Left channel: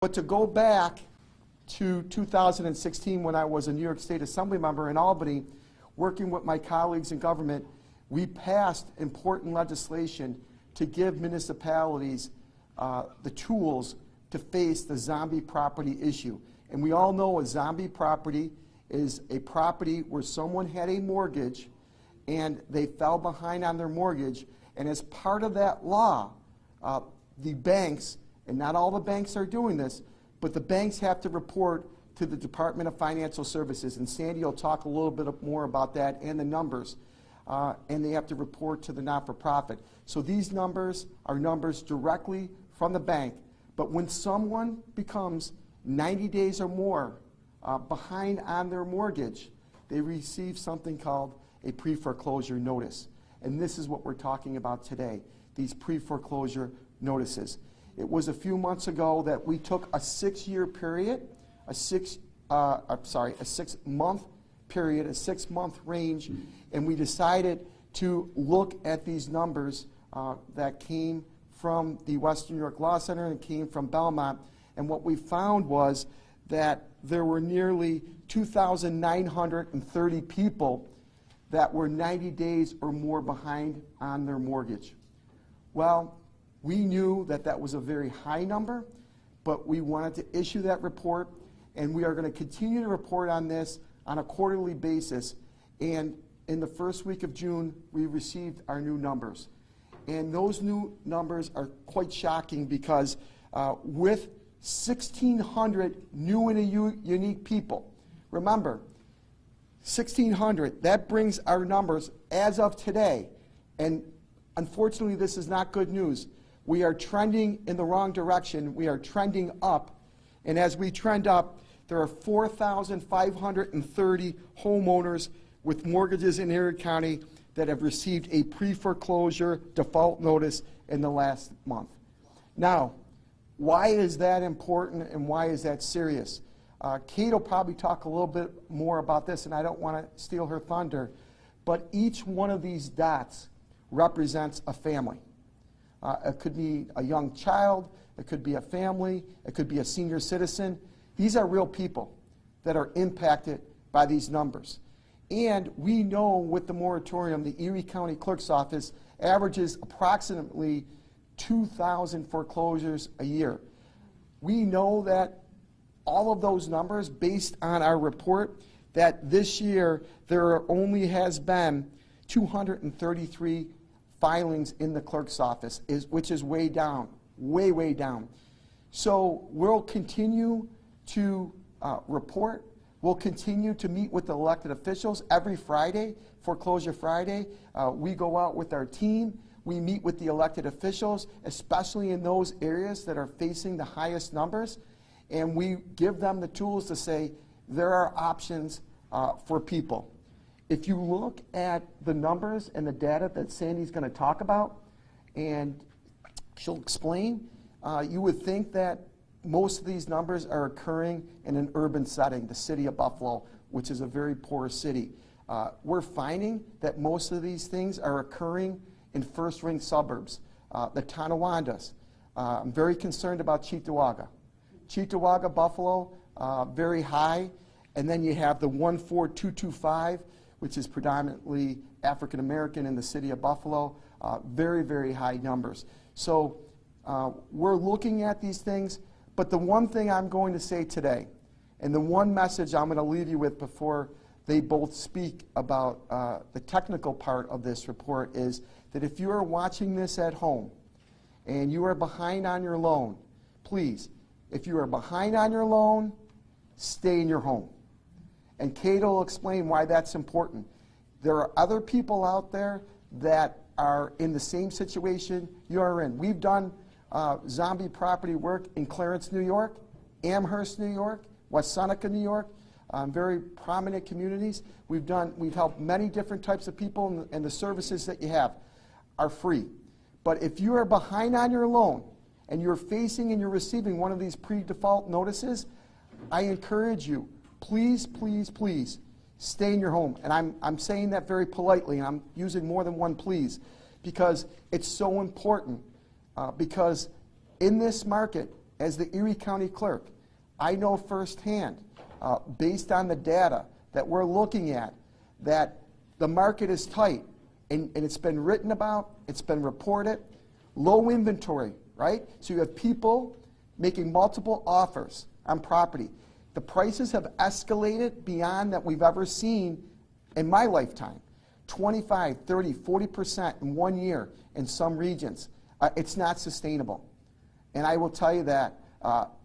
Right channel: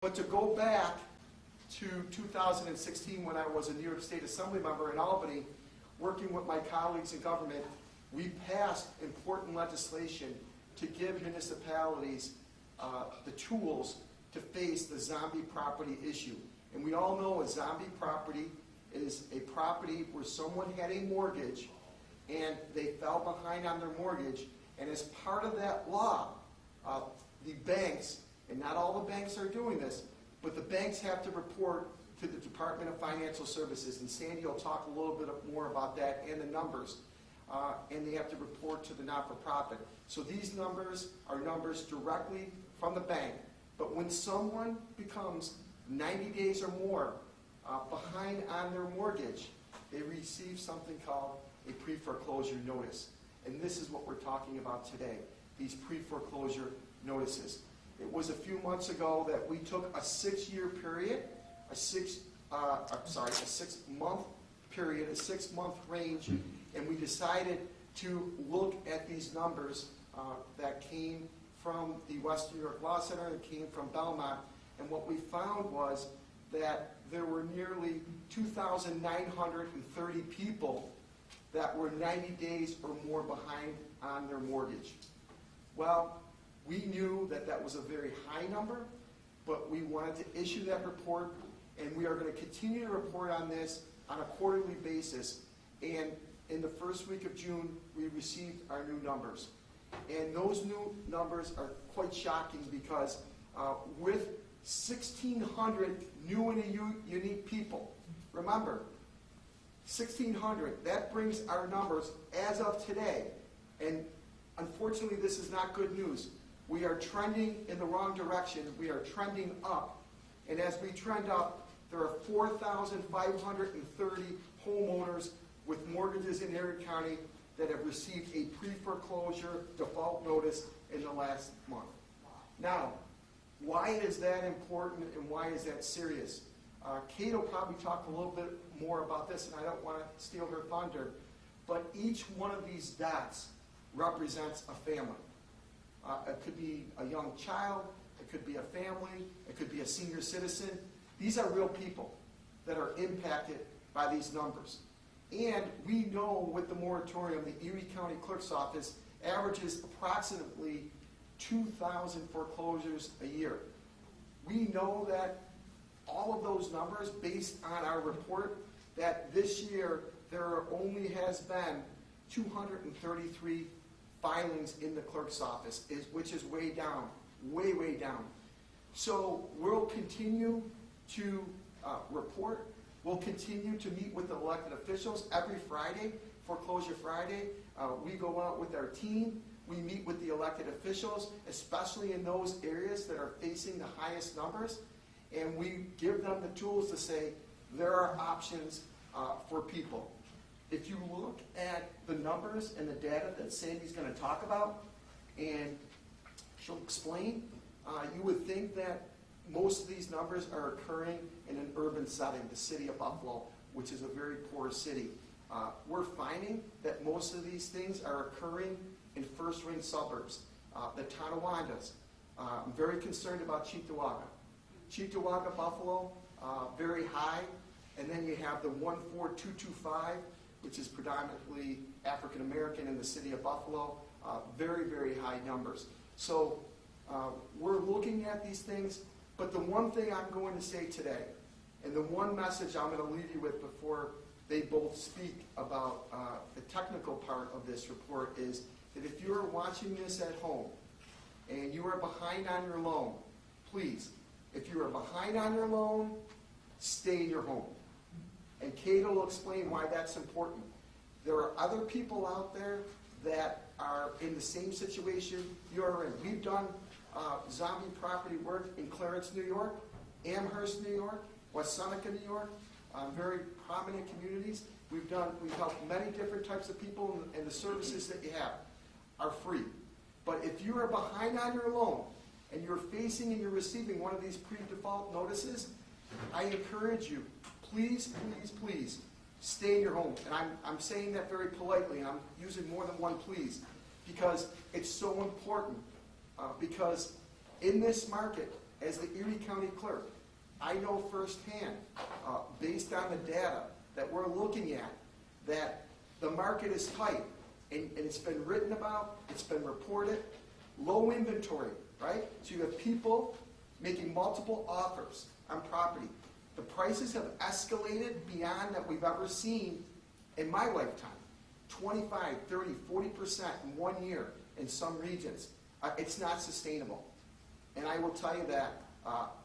But to go back to 2016, when I was a New York State Assembly member in Albany, working with my colleagues in government, we passed important legislation to give municipalities the tools to face the zombie property issue. And we all know a zombie property is a property where someone had a mortgage and they fell behind on their mortgage. And as part of that law, the banks, and not all the banks are doing this, but the banks have to report to the Department of Financial Services. And Sandy will talk a little bit more about that and the numbers. And they have to report to the not-for-profit. So these numbers are numbers directly from the bank. But when someone becomes 90 days or more behind on their mortgage, they receive something called a pre-foreclosure notice. And this is what we're talking about today, these pre-foreclosure notices. It was a few months ago that we took a 6-year period, a 6-month period, a 6-month range, and we decided to look at these numbers that came from the Western New York Law Center and came from Belmont. And what we found was that there were nearly 2,930 people that were 90 days or more behind on their mortgage. Well, we knew that that was a very high number, but we wanted to issue that report, and we are going to continue to report on this on a quarterly basis. And in the first week of June, we received our new numbers. And those new numbers are quite shocking because with 1,600 new and unique people, remember, 1,600, that brings our numbers as of today. And unfortunately, this is not good news. We are trending in the wrong direction. We are trending up. And as we trend up, there are 4,530 homeowners with mortgages in Erie County that have received a pre-foreclosure default notice in the last month. Now, why is that important and why is that serious? Kate will probably talk a little bit more about this, and I don't want to steal her thunder, but each one of these dots represents a family. It could be a young child, it could be a family, it could be a senior citizen. These are real people that are impacted by these numbers. And we know with the moratorium, the Erie County Clerk's Office averages approximately 2,000 foreclosures a year. We know that all of those numbers, based on our report, that this year there only has been 233 filings in the clerk's office, which is way down, way down. So we'll continue to report. We'll continue to meet with the elected officials every Friday, Foreclosure Friday. We go out with our team. We meet with the elected officials, especially in those areas that are facing the highest numbers, and we give them the tools to say there are options for people. If you look at the numbers and the data that Sandy's going to talk about, and she'll explain, you would think that most of these numbers are occurring in an urban setting, the city of Buffalo, which is a very poor city. We're finding that most of these things are occurring in first-ring suburbs, the Tonawandas. I'm very concerned about Cheektowaga. Cheektowaga, Buffalo, very high. And then you have the 14225, which is predominantly African-American in the city of Buffalo, very high numbers. So we're looking at these things, but the one thing I'm going to say today, and the one message I'm going to leave you with before they both speak about the technical part of this report, is that if you are watching this at home and you are behind on your loan, please, if you are behind on your loan, stay in your home. And Kate will explain why that's important. There are other people out there that are in the same situation you are in. We've done zombie property work in Clarence, New York, Amherst, New York, West Seneca, New York, very prominent communities. We've helped many different types of people, and the services that you have are free. But if you are behind on your loan and you're facing and you're receiving one of these pre-default notices, I encourage you, please stay in your home. And I'm saying that very politely, and I'm using more than one please, because it's so important. Because in this market, as the Erie County Clerk, I know firsthand, based on the data that we're looking at, that the market is tight, and it's been written about, it's been reported, low inventory, right? So you have people making multiple offers on property. The prices have escalated beyond that we've ever seen in my lifetime. 25, 30, 40% in 1 year in some regions. It's not sustainable. And I will tell you that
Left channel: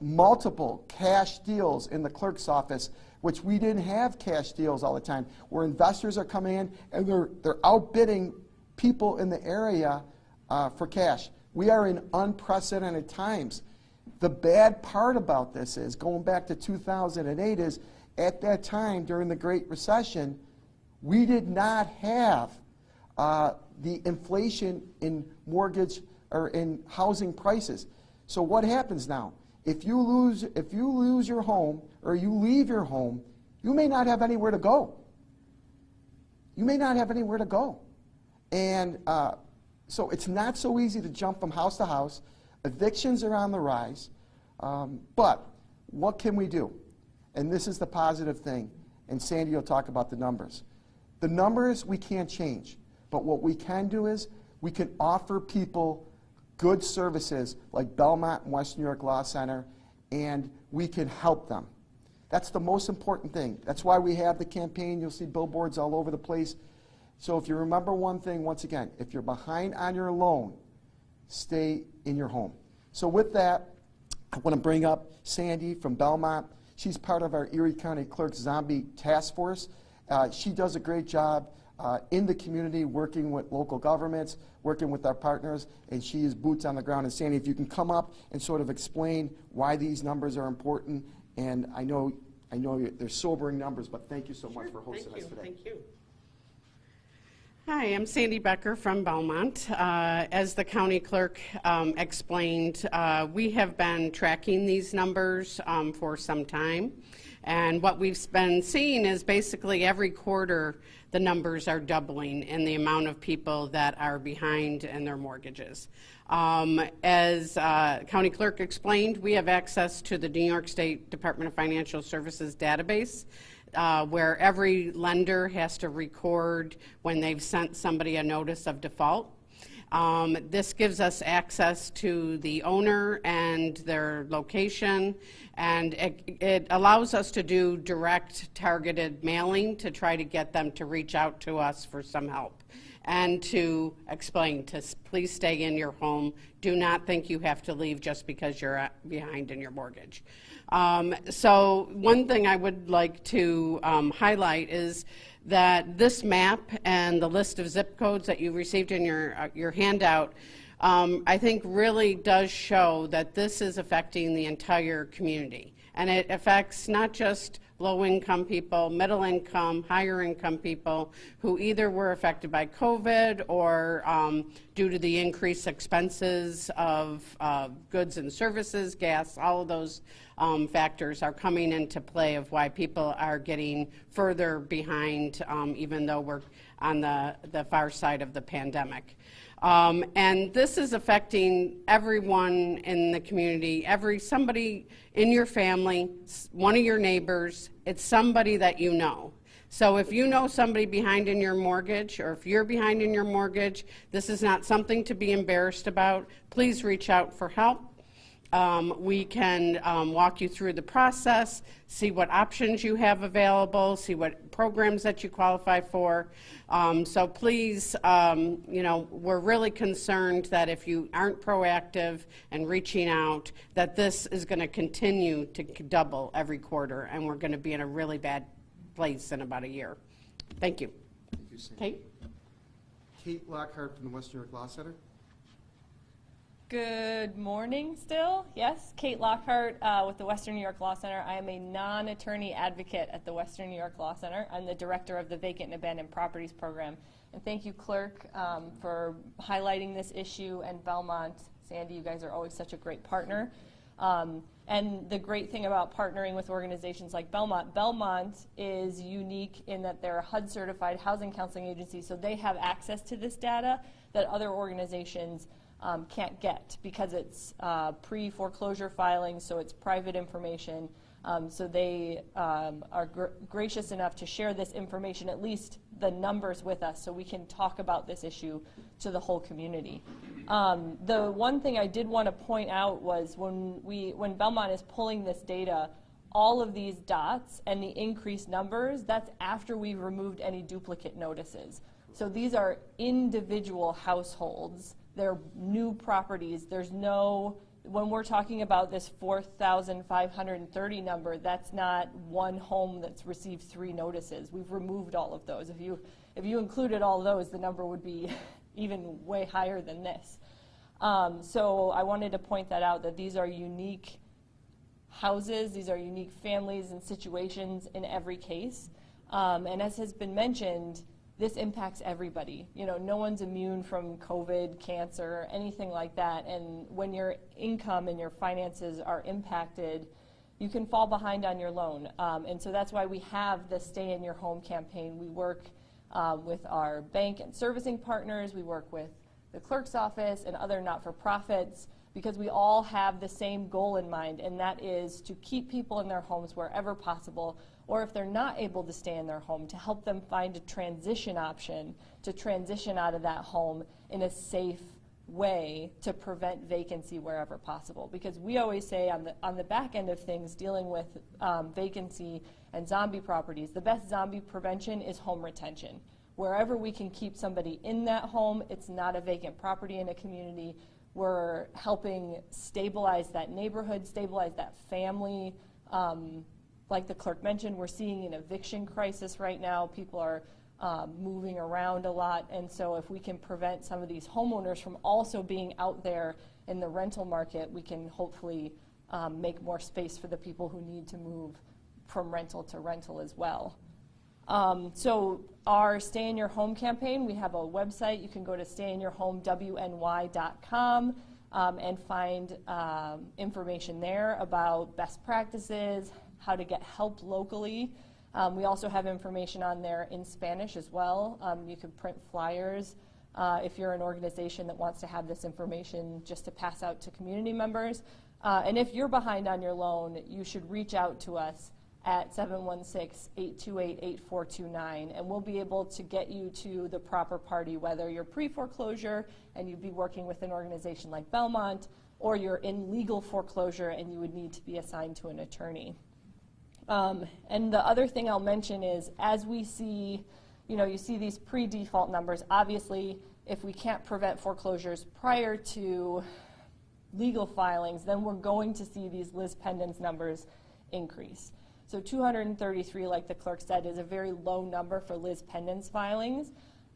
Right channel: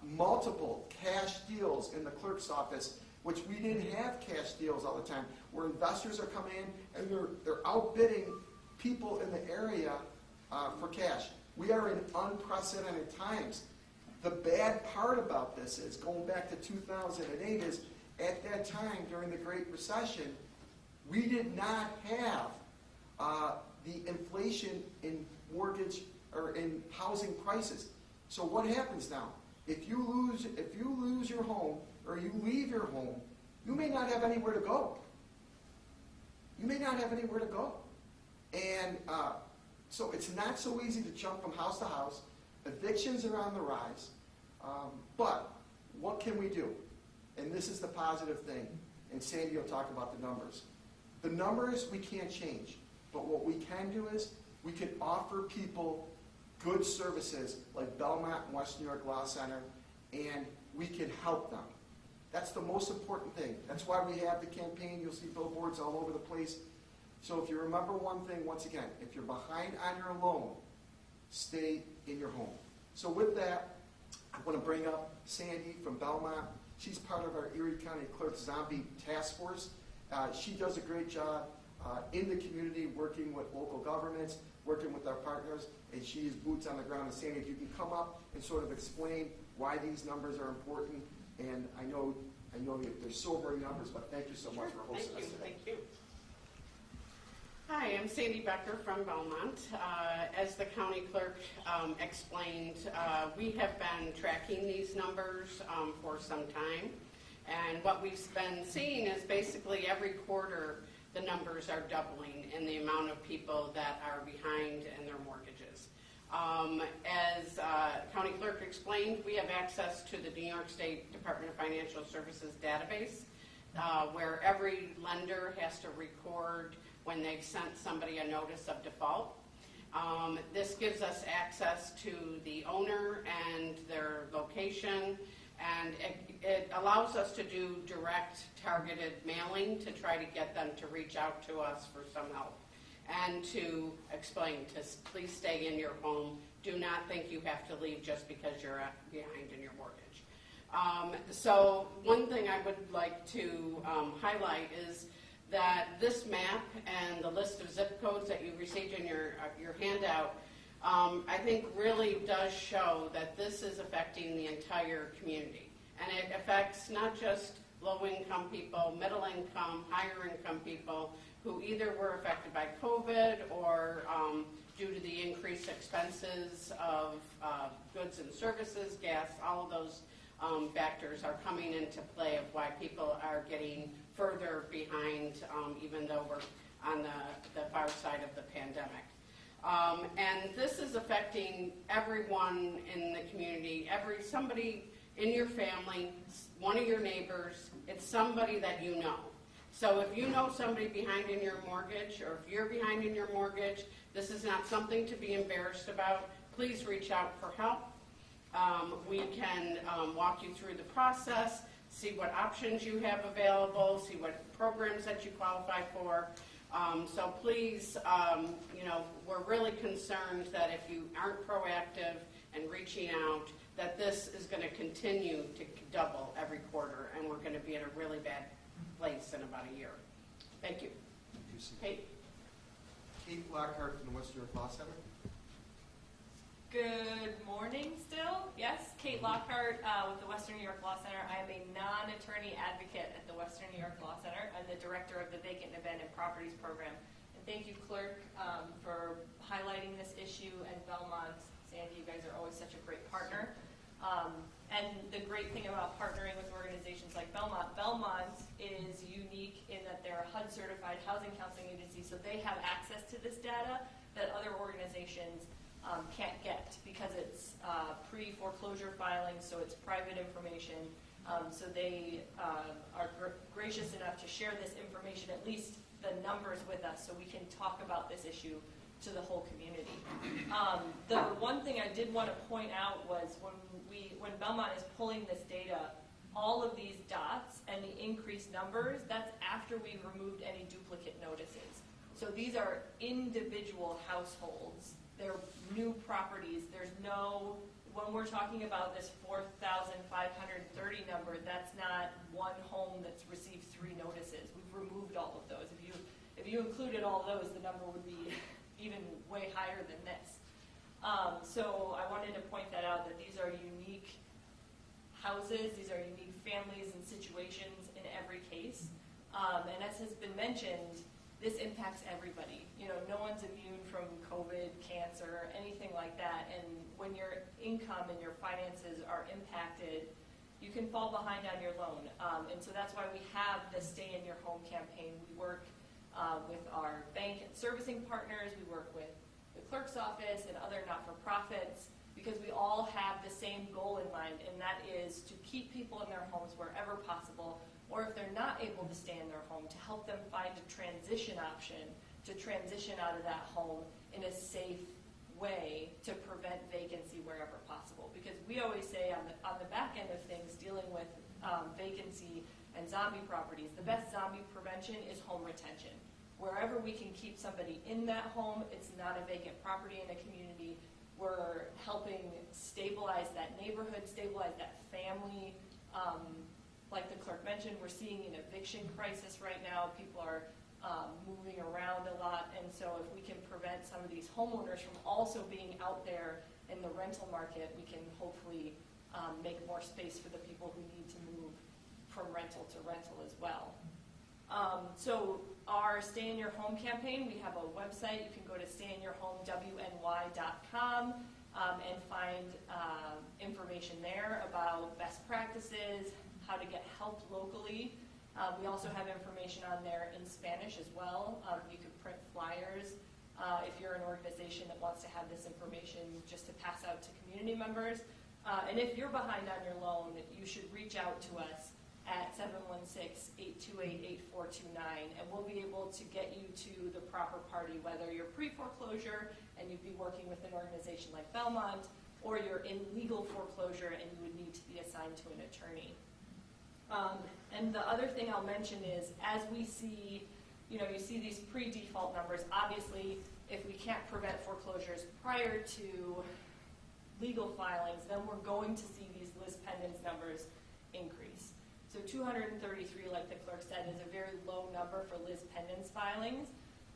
multiple cash deals in the clerk's office, which we didn't have cash deals all the time, where investors are coming in and they're outbidding people in the area for cash. We are in unprecedented times. The bad part about this is, going back to 2008, is at that time during the Great Recession, we did not have the inflation in mortgage or in housing prices. So what happens now? If you lose your home or you leave your home, you may not have anywhere to go. You may not have anywhere to go. And so it's not so easy to jump from house to house. Evictions are on the rise. But what can we do? And this is the positive thing. And Sandy will talk about the numbers. The numbers we can't change. But what we can do is we can offer people good services like Belmont and West New York Law Center, and we can help them. That's the most important thing. That's why we have the campaign. You'll see billboards all over the place. So if you remember one thing, once again, if you're behind on your loan, stay in your home. So with that, I want to bring up Sandy from Belmont. She's part of our Erie County Clerk's Zombie Task Force. She does a great job in the community, working with local governments, working with our partners, and she is boots on the ground. And Sandy, if you can come up and sort of explain why these numbers are important. And I know they're sobering numbers, but thank you so much for hosting us today. Thank you. Hi, I'm Sandy Becker from Belmont. As the county clerk explained, we have been tracking these numbers for some time. And what we've been seeing is basically every quarter the numbers are doubling in the amount of people that are behind in their mortgages. As county clerk explained, we have access to the New York State Department of Financial Services database, where every lender has to record when they've sent somebody a notice of default. This gives us access to the owner and their location, and it allows us to do direct targeted mailing to try to get them to reach out to us for some help and to explain to please stay in your home. Do not think you have to leave just because you're behind in your mortgage. So one thing I would like to highlight is that this map and the list of zip codes that you received in your handout, I think really does show that this is affecting the entire community. And it affects not just low-income people, middle-income, higher-income people who either were affected by COVID or due to the increased expenses of goods and services, gas, all of those factors are coming into play of why people are getting further behind, even though we're on the far side of the pandemic. And this is affecting everyone in the community, somebody in your family, one of your neighbors. It's somebody that you know. So if you know somebody behind in your mortgage, or if you're behind in your mortgage, this is not something to be embarrassed about. Please reach out for help. We can walk you through the process, see what options you have available, see what programs that you qualify for. So please, we're really concerned that if you aren't proactive and reaching out, that this is going to continue to double every quarter, and we're going to be in a really bad place in about a year. Thank you. Thank you, Sandy. Kate? Kate Lockhart from the West New York Law Center. Good morning still. Yes, Kate Lockhart with the Western New York Law Center. I am a non-attorney advocate at the Western New York Law Center. I'm the director of the Vacant and Abandoned Properties Program. And thank you, Clerk, for highlighting this issue, and Belmont. Sandy, you guys are always such a great partner. And the great thing about partnering with organizations like Belmont is unique in that they're a HUD-certified housing counseling agency, so they have access to this data that other organizations can't get because it's pre-foreclosure filing, so it's private information. So they are gracious enough to share this information, at least the numbers, with us so we can talk about this issue to the whole community. The one thing I did want to point out was when Belmont is pulling this data, all of these dots and the increased numbers, that's after we've removed any duplicate notices. So these are individual households. They're new properties. There's no, when we're talking about this 4,530 number, that's not one home that's received 3 notices. We've removed all of those. If you included all those, the number would be even way higher than this. So I wanted to point that out, that these are unique houses, these are unique families and situations in every case. And as has been mentioned, this impacts everybody. You know, no one's immune from COVID, cancer, anything like that. And when your income and your finances are impacted, you can fall behind on your loan. And so that's why we have the Stay in Your Home campaign. We work with our bank and servicing partners. We work with the clerk's office and other not-for-profits, because we all have the same goal in mind, and that is to keep people in their homes wherever possible, or if they're not able to stay in their home, to help them find a transition option to transition out of that home in a safe way to prevent vacancy wherever possible. Because we always say on the back end of things, dealing with vacancy and zombie properties, the best zombie prevention is home retention. Wherever we can keep somebody in that home, it's not a vacant property in a community. We're helping stabilize that neighborhood, stabilize that family. Like the clerk mentioned, we're seeing an eviction crisis right now. People are moving around a lot, and so if we can prevent some of these homeowners from also being out there in the rental market, we can hopefully make more space for the people who need to move from rental to rental as well. So our Stay in Your Home campaign, we have a website. You can go to stayinyourhomewny.com and find information there about best practices, how to get help locally. We also have information on there in Spanish as well. You could print flyers if you're an organization that wants to have this information just to pass out to community members. And if you're behind on your loan, you should reach out to us at 716-828-8429, and we'll be able to get you to the proper party, whether you're pre-foreclosure and you'd be working with an organization like Belmont, or you're in legal foreclosure and you would need to be assigned to an attorney. And the other thing I'll mention is, as we see, you see these pre-default numbers. Obviously, if we can't prevent foreclosures prior to legal filings, then we're going to see these lis pendens numbers increase. So 233, like the clerk said, is a very low number for lis pendens filings,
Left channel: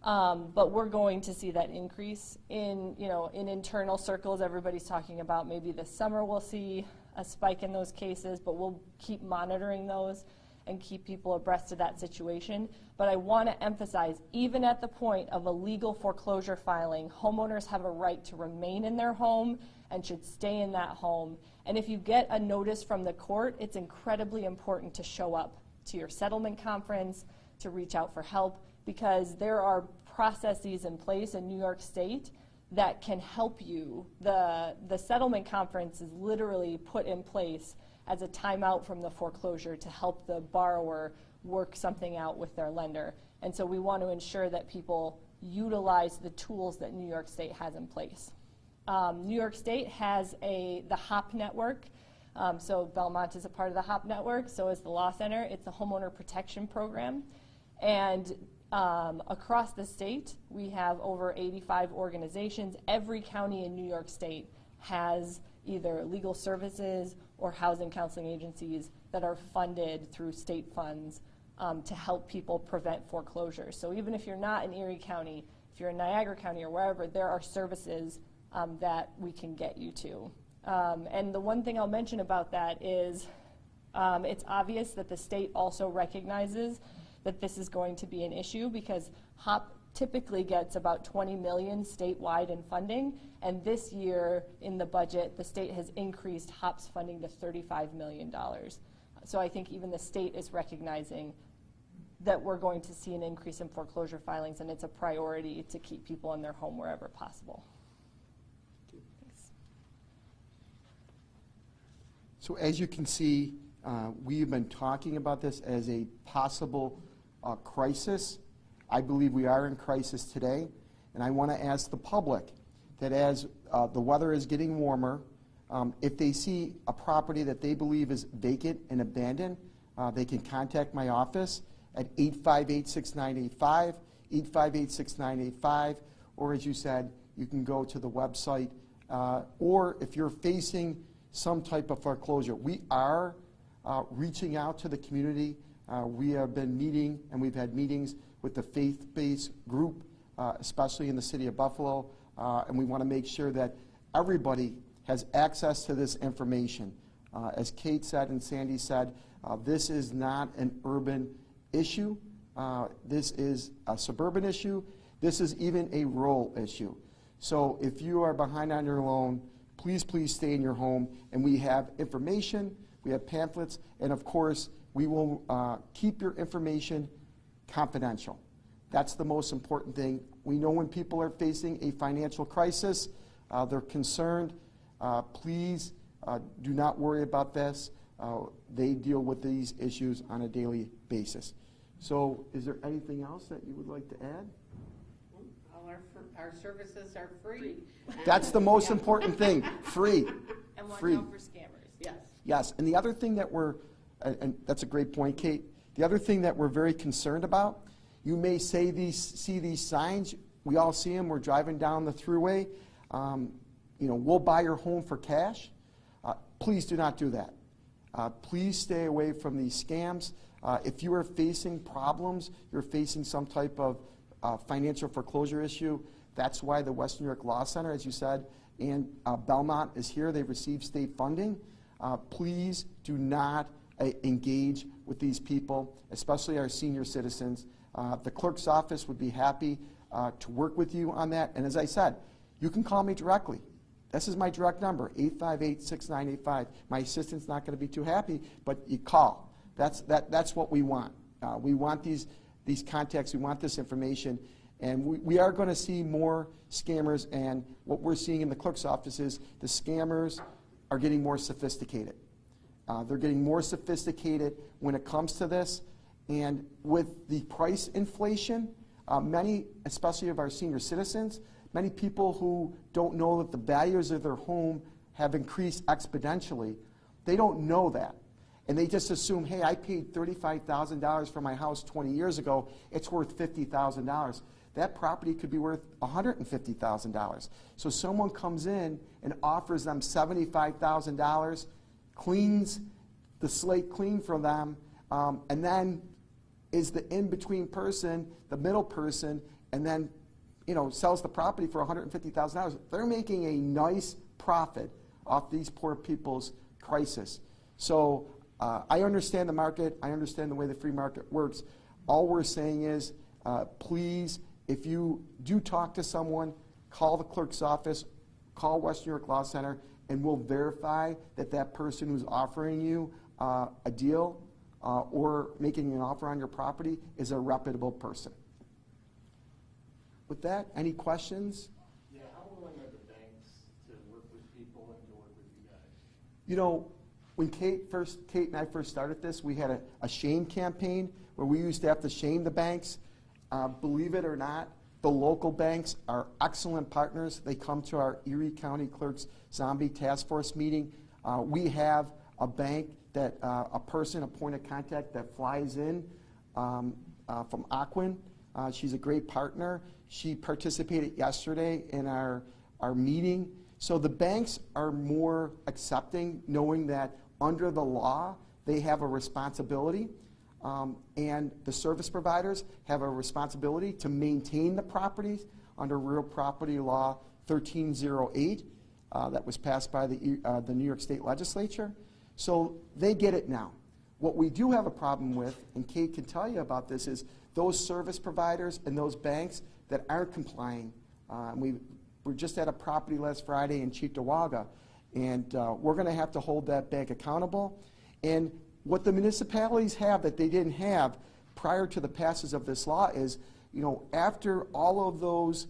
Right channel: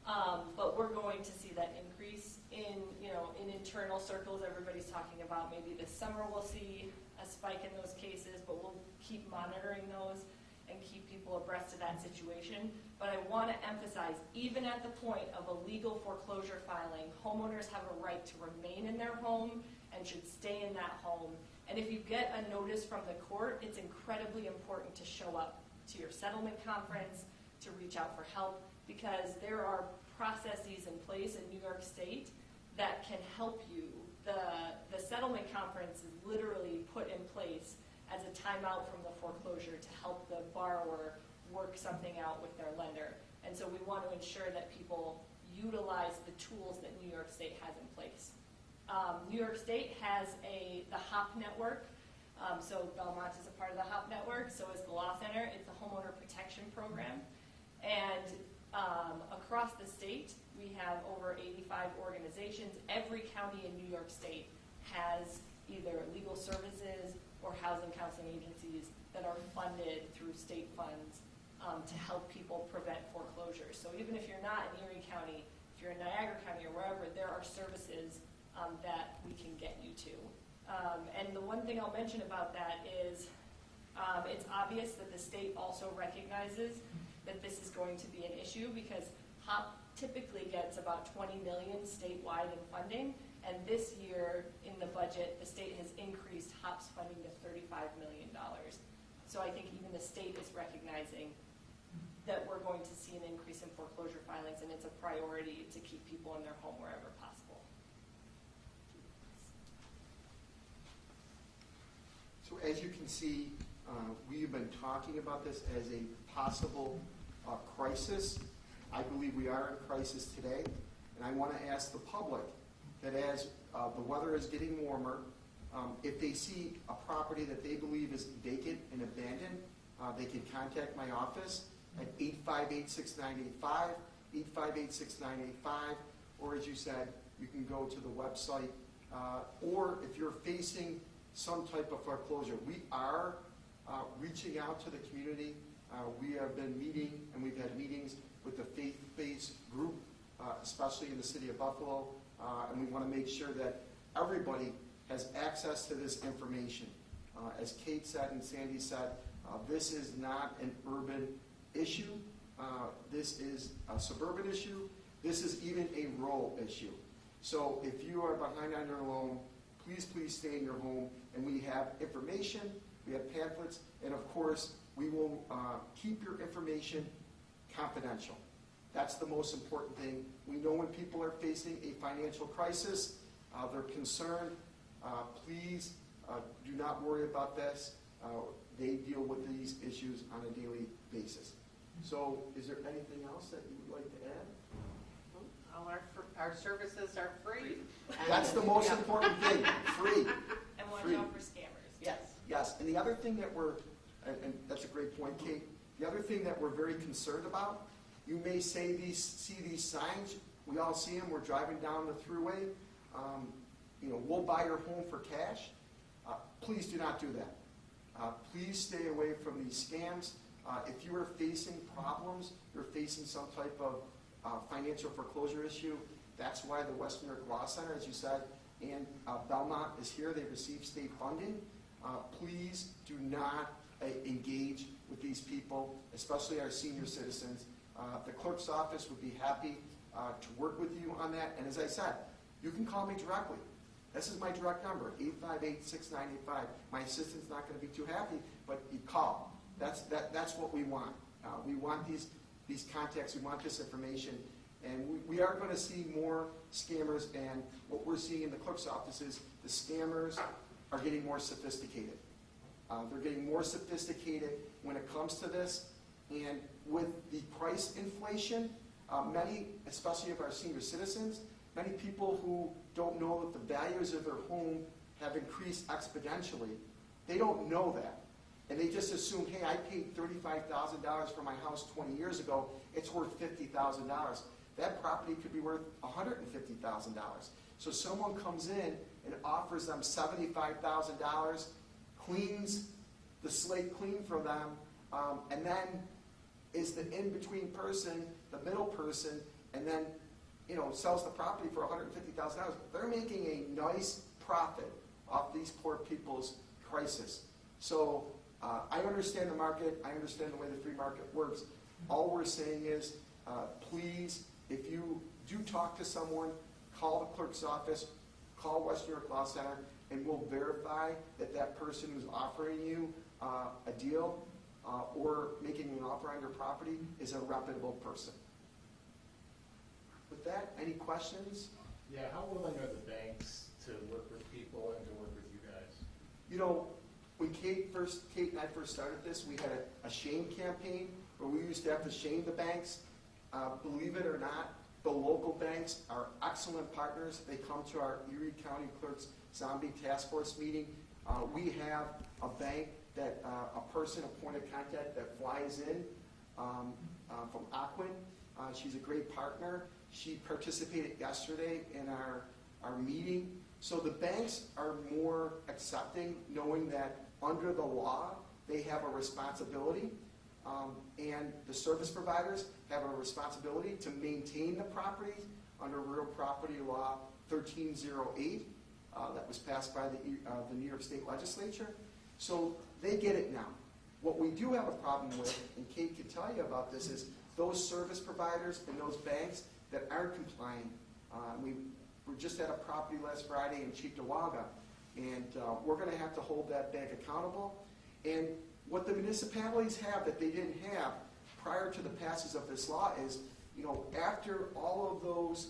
but we're going to see that increase in internal circles. Everybody's talking about maybe this summer we'll see a spike in those cases, but we'll keep monitoring those and keep people abreast of that situation. But I want to emphasize, even at the point of a legal foreclosure filing, homeowners have a right to remain in their home and should stay in that home. And if you get a notice from the court, it's incredibly important to show up to your settlement conference, to reach out for help, because there are processes in place in New York State that can help you. The settlement conference is literally put in place as a timeout from the foreclosure to help the borrower work something out with their lender. And so we want to ensure that people utilize the tools that New York State has in place. New York State has the HOP network. So Belmont is a part of the HOP network, so is the Law Center. It's a homeowner protection program. And across the state, we have over 85 organizations. Every county in New York State has either legal services or housing counseling agencies that are funded through state funds to help people prevent foreclosure. So even if you're not in Erie County, if you're in Niagara County or wherever, there are services that we can get you to. And the one thing I'll mention about that is it's obvious that the state also recognizes that this is going to be an issue, because HOP typically gets about $20 million statewide in funding, and this year in the budget, the state has increased HOP's funding to $35 million. So I think even the state is recognizing that we're going to see an increase in foreclosure filings, and it's a priority to keep people in their home wherever possible. So as you can see, we've been talking about this as a possible crisis. I believe we are in crisis today, and I want to ask the public that as the weather is getting warmer, if they see a property that they believe is vacant and abandoned, they can contact my office at 858-6985, 858-6985, or as you said, you can go to the website, or if you're facing some type of foreclosure. We are reaching out to the community. We have been meeting, and we've had meetings with the faith-based group, especially in the city of Buffalo, and we want to make sure that everybody has access to this information. As Kate said and Sandy said, this is not an urban issue. This is a suburban issue. This is even a rural issue. So if you are behind on your loan, please stay in your home. And we have information, we have pamphlets, and of course, we will keep your information confidential. That's the most important thing. We know when people are facing a financial crisis, they're concerned. Please do not worry about this. They deal with these issues on a daily basis. So is there anything else that you would like to add? All our services are free. That's the most important thing, free. And watch Free. out for scammers. Yes. Yes, and the other thing that and that's a great point, Kate. The other thing that we're very concerned about, you may see these signs. We all see them. We're driving down the thruway. We'll buy your home for cash. Please do not do that. Please stay away from these scams. If you are facing problems, you're facing some type of financial foreclosure issue, that's why the Western New York Law Center, as you said, and Belmont is here. They receive state funding. Please do not engage with these people, especially our senior citizens. The clerk's office would be happy to work with you on that. And as I said, you can call me directly. This is my direct number, 858-6985. My assistant's not going to be too happy, but you call. That's what we want. We want these contacts. We want this information. And we are going to see more scammers. And what we're seeing in the clerk's office is the scammers are getting more sophisticated. They're getting more sophisticated when it comes to this. And with the price inflation, many, especially of our senior citizens, many people who don't know that the values of their home have increased exponentially, they don't know that. And they just assume, hey, I paid $35,000 for my house 20 years ago, it's worth $50,000. That property could be worth $150,000. So someone comes in and offers them $75,000, cleans the slate clean from them, and then is the in-between person, the middle person, and then sells the property for $150,000. They're making a nice profit off these poor people's crisis. So I understand the market. I understand the way the free market works. All we're saying is, please, if you do talk to someone, call the clerk's office, call Western New York Law Center, and we'll verify that that person who's offering you a deal or making an offer on your property is a reputable person. With that, any questions? Yeah, how willing are the banks to work with people and to work with you guys? When Kate and I first started this, we had a shame campaign where we used to have to shame the banks. Believe it or not, the local banks are excellent partners. They come to our Erie County Clerks Zombie Task Force meeting. We have a bank that a point of contact that flies in from Aquin. She's a great partner. She participated yesterday in our meeting. So the banks are more accepting, knowing that under the law, they have a responsibility, and the service providers have a responsibility to maintain the properties under Real Property Law 1308 that was passed by the New York State Legislature. So they get it now. What we do have a problem with, and Kate can tell you about this, is those service providers and those banks that aren't complying. We were just at a property last Friday in Cheektowaga, and we're going to have to hold that bank accountable. And what the municipalities have that they didn't have prior to the passage of this law is, after all of those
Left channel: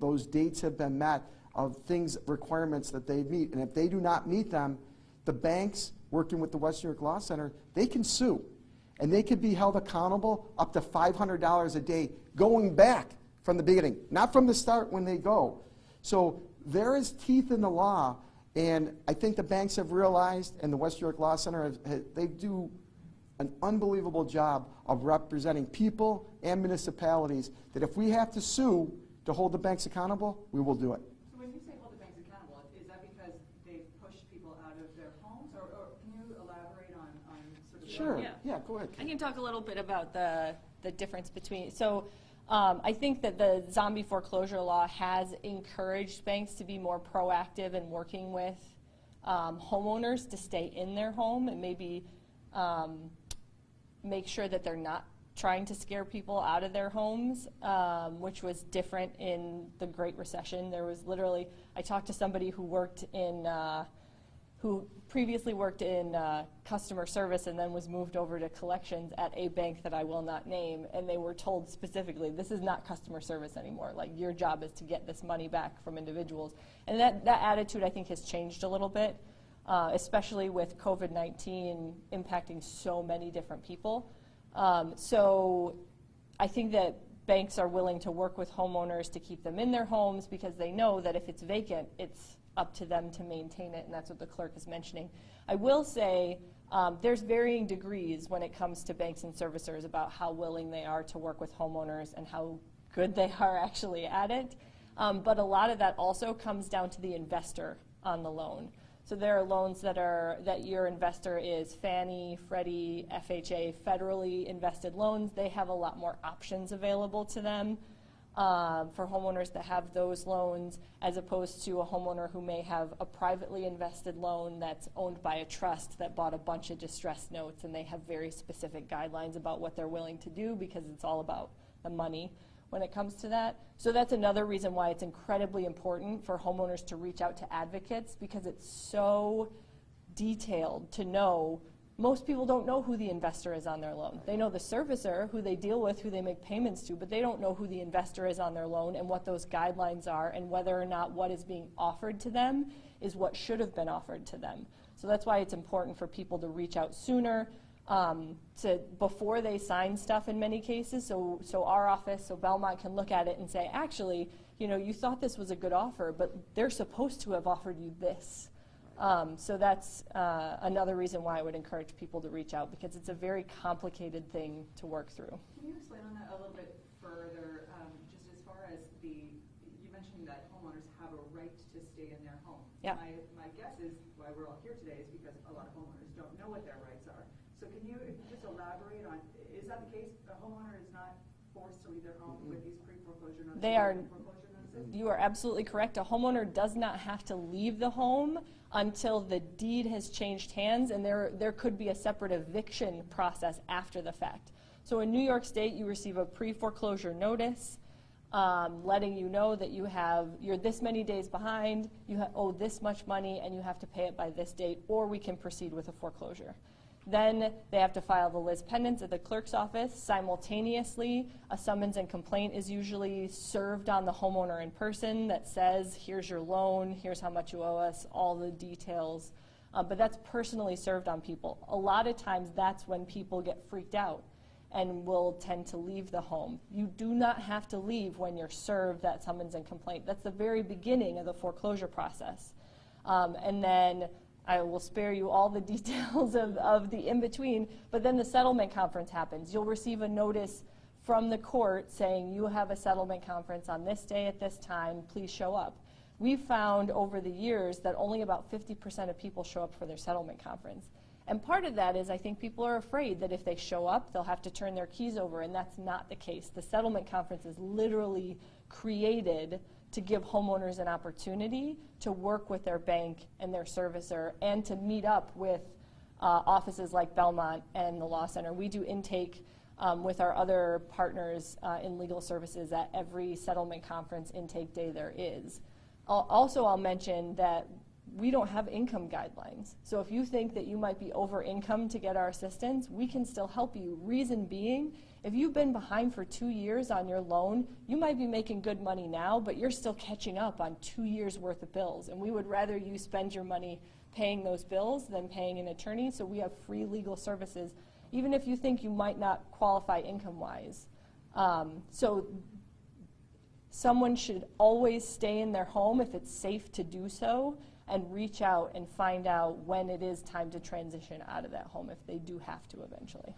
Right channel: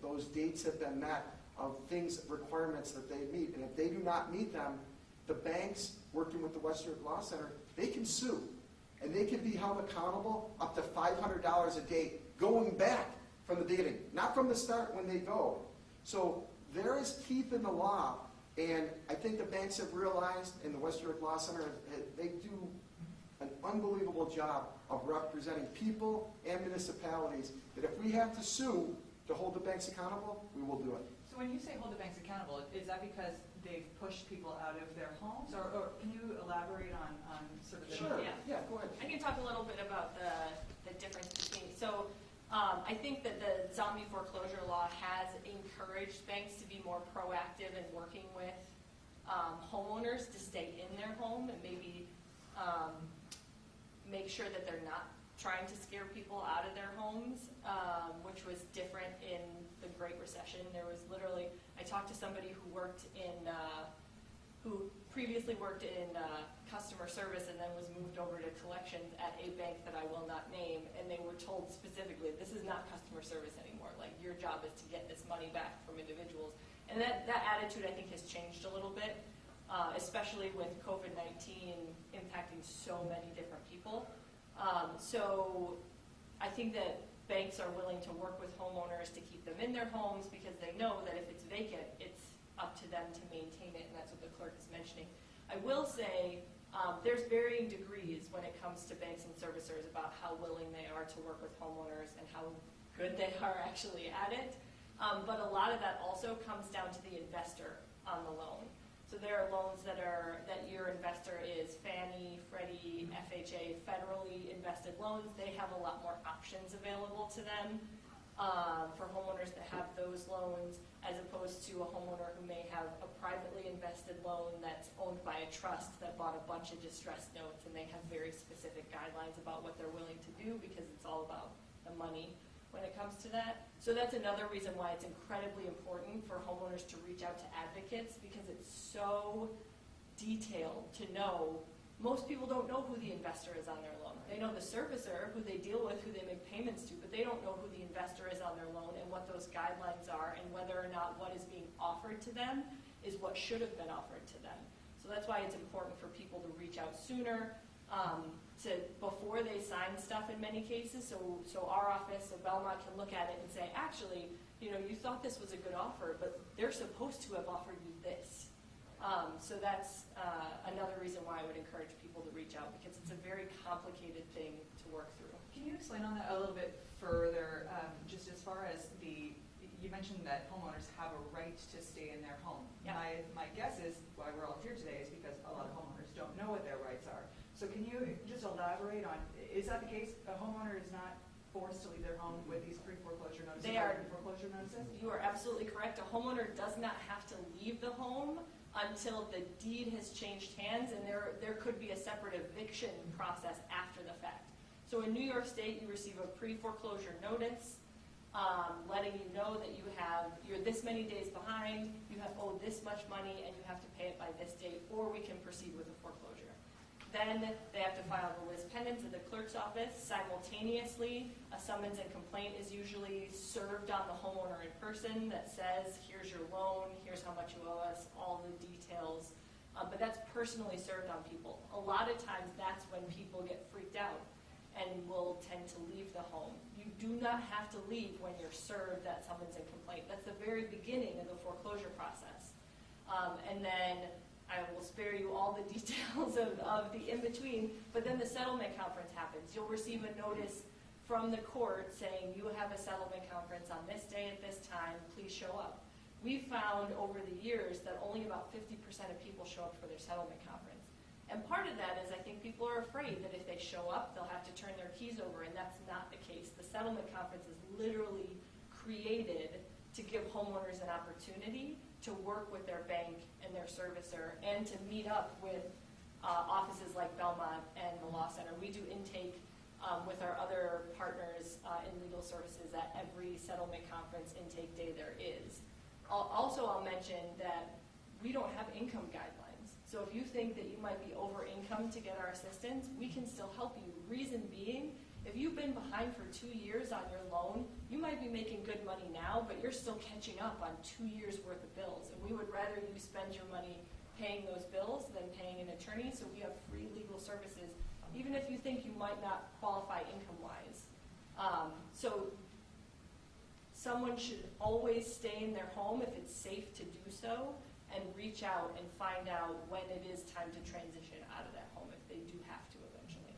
those dates have been met, of things, requirements that they meet. And if they do not meet them, the banks, working with the Western New York Law Center, they can sue. And they could be held accountable up to $500 a day going back from the beginning, not from the start when they go. So there is teeth in the law, and I think the banks have realized, and the Western New York Law Center, they do an unbelievable job of representing people and municipalities, that if we have to sue to hold the banks accountable, we will do it. So when you say hold the banks accountable, is that because they've pushed people out of their homes, or can you elaborate on sort of the... Sure, yeah, go ahead. I can talk a little bit about the difference between, so I think that the zombie foreclosure law has encouraged banks to be more proactive in working with homeowners to stay in their home and maybe make sure that they're not trying to scare people out of their homes, which was different in the Great Recession. There was literally, I talked to somebody who worked in, who previously worked in customer service and then was moved over to collections at a bank that I will not name, and they were told specifically, this is not customer service anymore. Like, your job is to get this money back from individuals. And that attitude, I think, has changed a little bit, especially with COVID-19 impacting so many different people. So I think that banks are willing to work with homeowners to keep them in their homes because they know that if it's vacant, it's up to them to maintain it, and that's what the clerk is mentioning. I will say there's varying degrees when it comes to banks and servicers about how willing they are to work with homeowners and how good they are actually at it. But a lot of that also comes down to the investor on the loan. So there are loans that your investor is Fannie, Freddie, FHA, federally invested loans. They have a lot more options available to them for homeowners that have those loans, as opposed to a homeowner who may have a privately invested loan that's owned by a trust that bought a bunch of distressed notes, and they have very specific guidelines about what they're willing to do because it's all about the money when it comes to that. So that's another reason why it's incredibly important for homeowners to reach out to advocates, because it's so detailed to know. Most people don't know who the investor is on their loan. They know the servicer, who they deal with, who they make payments to, but they don't know who the investor is on their loan and what those guidelines are and whether or not what is being offered to them is what should have been offered to them. So that's why it's important for people to reach out sooner, before they sign stuff in many cases. So our office, so Belmont can look at it and say, actually, you thought this was a good offer, but they're supposed to have offered you this. So that's another reason why I would encourage people to reach out, because it's a very complicated thing to work through. Can you explain on that a little bit further, just as far as you mentioned that homeowners have a right to stay in their home. Yep. My guess is why we're all here today is because a lot of homeowners don't know what their rights are. So can you just elaborate on, is that the case? A homeowner is not forced to leave their home with these pre-foreclosure notices? They are. Foreclosure notices? You are absolutely correct. A homeowner does not have to leave the home until the deed has changed hands, and there could be a separate eviction process after the fact. So in New York State, you receive a pre-foreclosure notice letting you know that you're this many days behind, you owe this much money, and you have to pay it by this date, or we can proceed with a foreclosure. Then they have to file the lis pendens at the clerk's office. Simultaneously, a summons and complaint is usually served on the homeowner in person that says, here's your loan, here's how much you owe us, all the details. But that's personally served on people. A lot of times that's when people get freaked out and will tend to leave the home. You do not have to leave when you're served that summons and complaint. That's the very beginning of the foreclosure process. And then I will spare you all the details of the in-between, but then the settlement conference happens. You'll receive a notice from the court saying you have a settlement conference on this day at this time, please show up. We've found over the years that only about 50% of people show up for their settlement conference. And part of that is I think people are afraid that if they show up, they'll have to turn their keys over, and that's not the case. The settlement conference is literally created to give homeowners an opportunity to work with their bank and their servicer and to meet up with offices like Belmont and the Law Center. We do intake with our other partners in legal services at every settlement conference intake day there is. I'll mention that we don't have income guidelines. So if you think that you might be over income to get our assistance, we can still help you. Reason being If you've been behind for 2 years on your loan, you might be making good money now, but you're still catching up on 2 years worth of bills. And we would rather you spend your money paying those bills than paying an attorney. So we have free legal services, even if you think you might not qualify income-wise. So someone should always stay in their home if it's safe to do so, and reach out and find out when it is time to transition out of that home if they do have to eventually.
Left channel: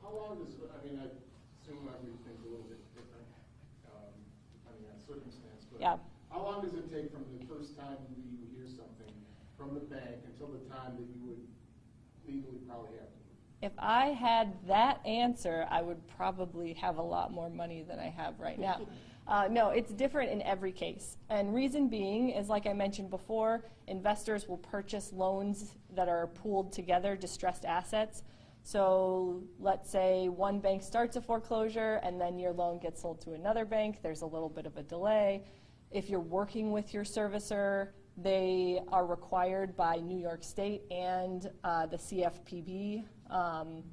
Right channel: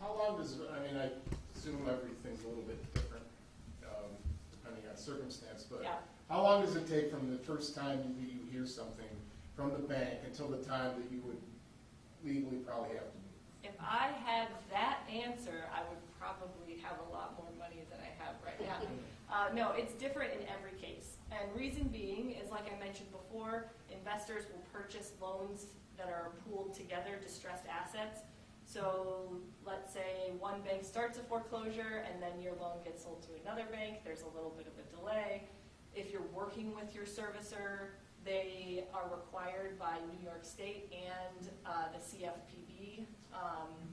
How long does, I mean, I assume everything's a little bit different, depending on circumstance, but Yeah. how long does it take from the first time you hear something from the bank until the time that you would legally probably have to move? If I had that answer, I would probably have a lot more money than I have right now. No, it's different in every case. And reason being is, like I mentioned before, investors will purchase loans that are pooled together, distressed assets. So let's say one bank starts a foreclosure and then your loan gets sold to another bank. There's a little bit of a delay. If you're working with your servicer, they are required by New York State and the CFPB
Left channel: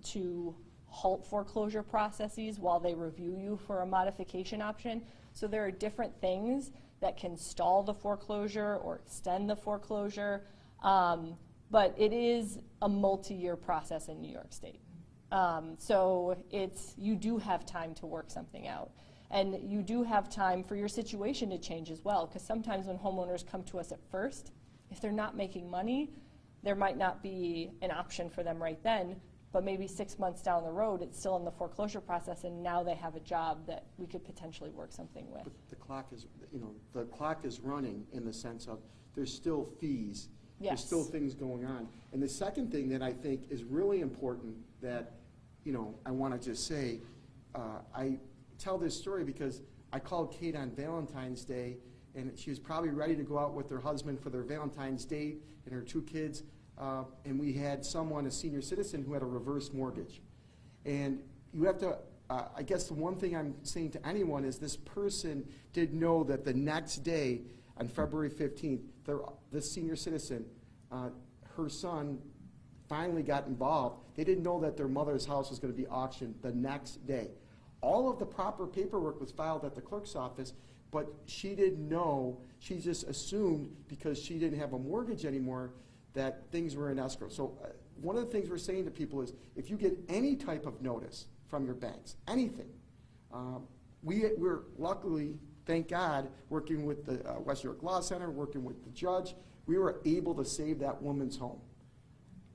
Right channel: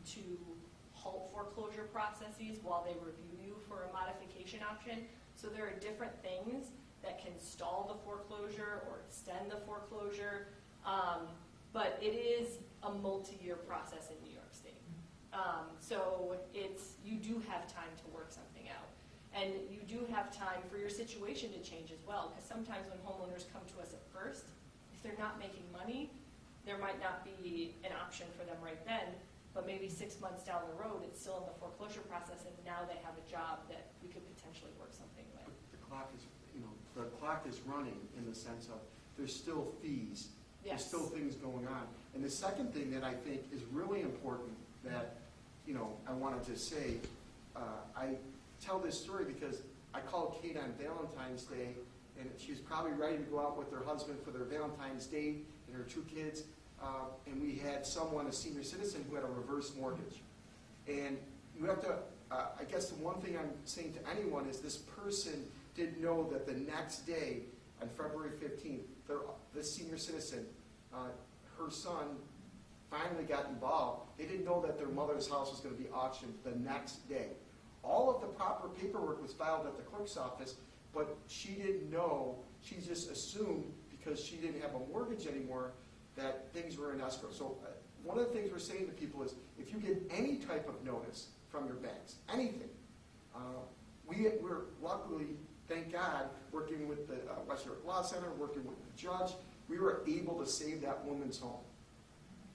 to halt foreclosure processes while they review you for a modification option. So there are different things that can stall the foreclosure or extend the foreclosure, but it is a multi-year process in New York State. So you do have time to work something out. And you do have time for your situation to change as well, because sometimes when homeowners come to us at first, if they're not making money, there might not be an option for them right then, but maybe 6 months down the road, it's still in the foreclosure process, and now they have a job that we could potentially work something with. But the clock is running in the sense of there's still fees. Yes. There's still things going on. And the second thing that I think is really important that, I want to just say, I tell this story because I called Kate on Valentine's Day, and she was probably ready to go out with her husband for their Valentine's date and her 2 kids, and we had someone, a senior citizen, who had a reverse mortgage. And you have to, I guess the one thing I'm saying to anyone is this person didn't know that the next day, on February 15th, this senior citizen, her son finally got involved. They didn't know that their mother's house was going to be auctioned the next day. All of the proper paperwork was filed at the clerk's office, but she didn't know. She just assumed because she didn't have a mortgage anymore that things were in escrow. So one of the things we're saying to people is if you get any type of notice from your banks, anything, we're luckily, thank God, working with the West York Law Center, working with the judge, we were able to save that woman's home.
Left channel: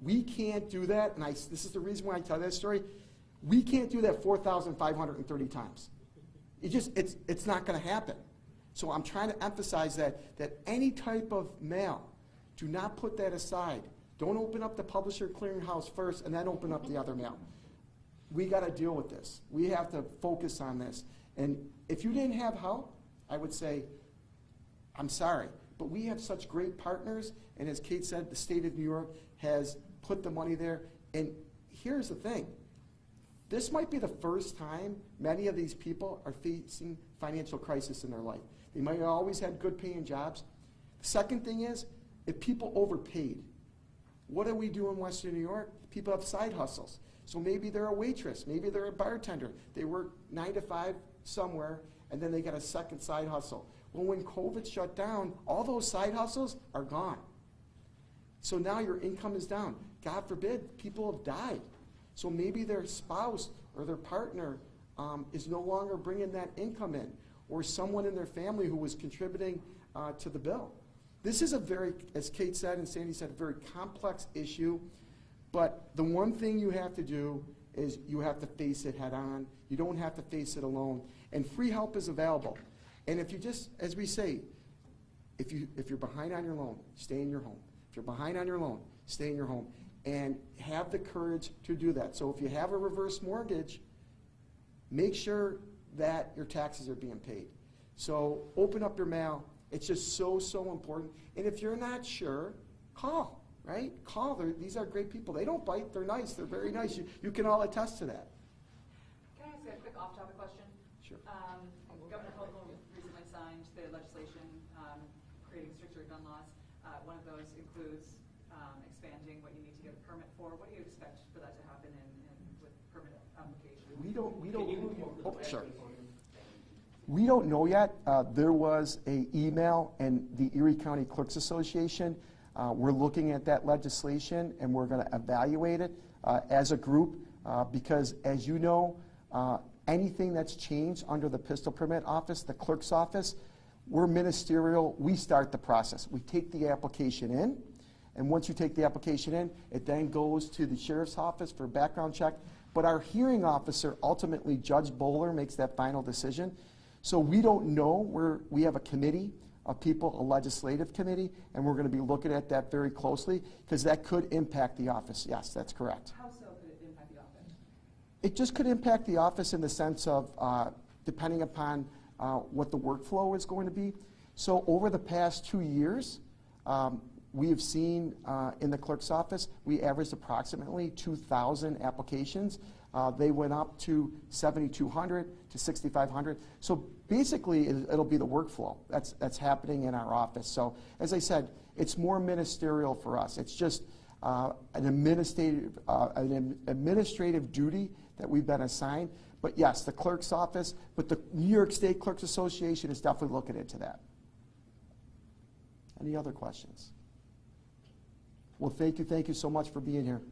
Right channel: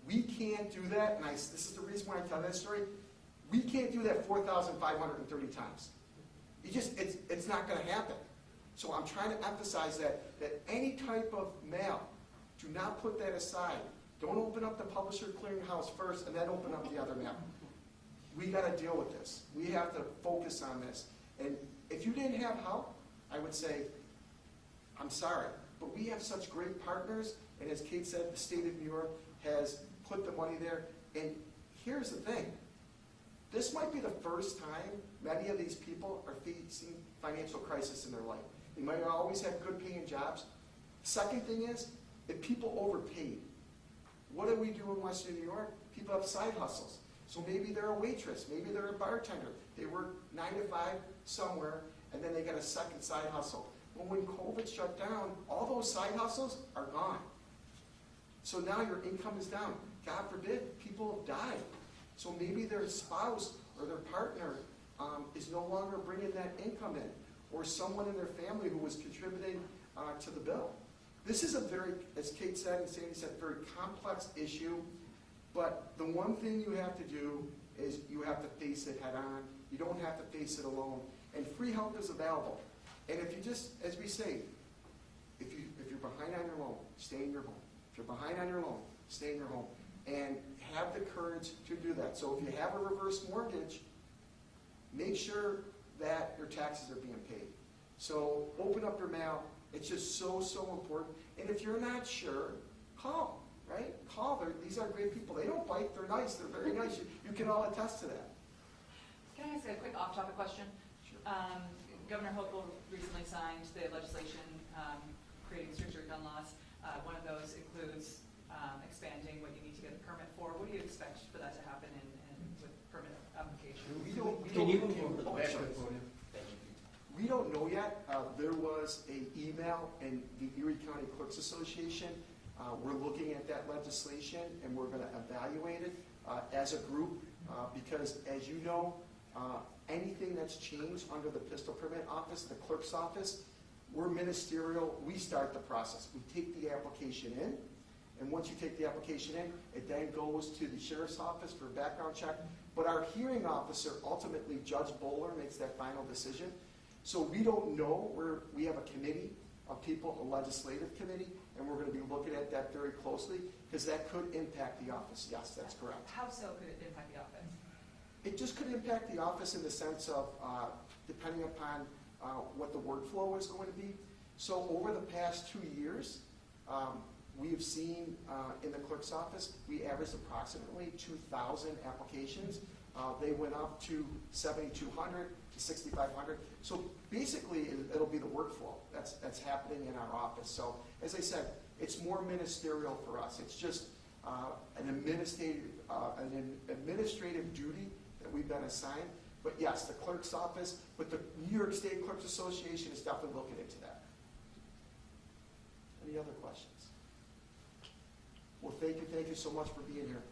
We can't do that, and this is the reason why I tell that story. We can't do that 4,530 times. It's not going to happen. So I'm trying to emphasize that any type of mail, do not put that aside. Don't open up the publisher clearinghouse first and then open up the other mail. We got to deal with this. We have to focus on this. And if you didn't have help, I would say, I'm sorry. But we have such great partners, and as Kate said, the state of New York has put the money there. And here's the thing. This might be the first time many of these people are facing financial crisis in their life. They might have always had good paying jobs. Second thing is, if people overpaid, what do we do in Western New York? People have side hustles. So maybe they're a waitress, maybe they're a bartender. They work 9 to 5 somewhere, and then they got a second side hustle. Well, when COVID shut down, all those side hustles are gone. So now your income is down. God forbid, people have died. So maybe their spouse or their partner is no longer bringing that income in, or someone in their family who was contributing to the bill. This is a very, as Kate said and Sandy said, very complex issue, but the one thing you have to do is you have to face it head on. You don't have to face it alone. And free help is available. And if you just, as we say, if you're behind on your loan, stay in your home. If you're behind on your loan, stay in your home. And have the courage to do that. So if you have a reverse mortgage, make sure that your taxes are being paid. So open up your mail. It's just so important. And if you're not sure, call, right? Call. These are great people. They don't bite. They're nice. They're very nice. You can all attest to that. Can I ask a quick off-topic question? Sure. Governor Hochul recently signed the legislation creating stricter gun laws. One of those includes expanding what you need to get a permit for. What do you expect for that to happen with permit application? We don't Yes, sir. Back to the podium. We don't know yet. There was an email and the Erie County Clerks Association. We're looking at that legislation and we're going to evaluate it as a group because, as you know, anything that's changed under the pistol permit office, the clerk's office, we're ministerial. We start the process. We take the application in, and once you take the application in, it then goes to the sheriff's office for a background check. But our hearing officer, ultimately Judge Bowler, makes that final decision. So we don't know. We have a committee of people, a legislative committee, and we're going to be looking at that very closely because that could impact the office. Yes, that's correct. How so could it impact the office? It just could impact the office in the sense of depending upon what the workflow is going to be. So over the past 2 years, we have seen in the clerk's office, we averaged approximately 2,000 applications. They went up to 7,200 to 6,500. So basically, it'll be the workflow that's happening in our office. So as I said, it's more ministerial for us. It's just an administrative duty that we've been assigned. But yes, the clerk's office, but the New York State Clerks Association is definitely looking into that. Any other questions? Well, thank you so much for being here.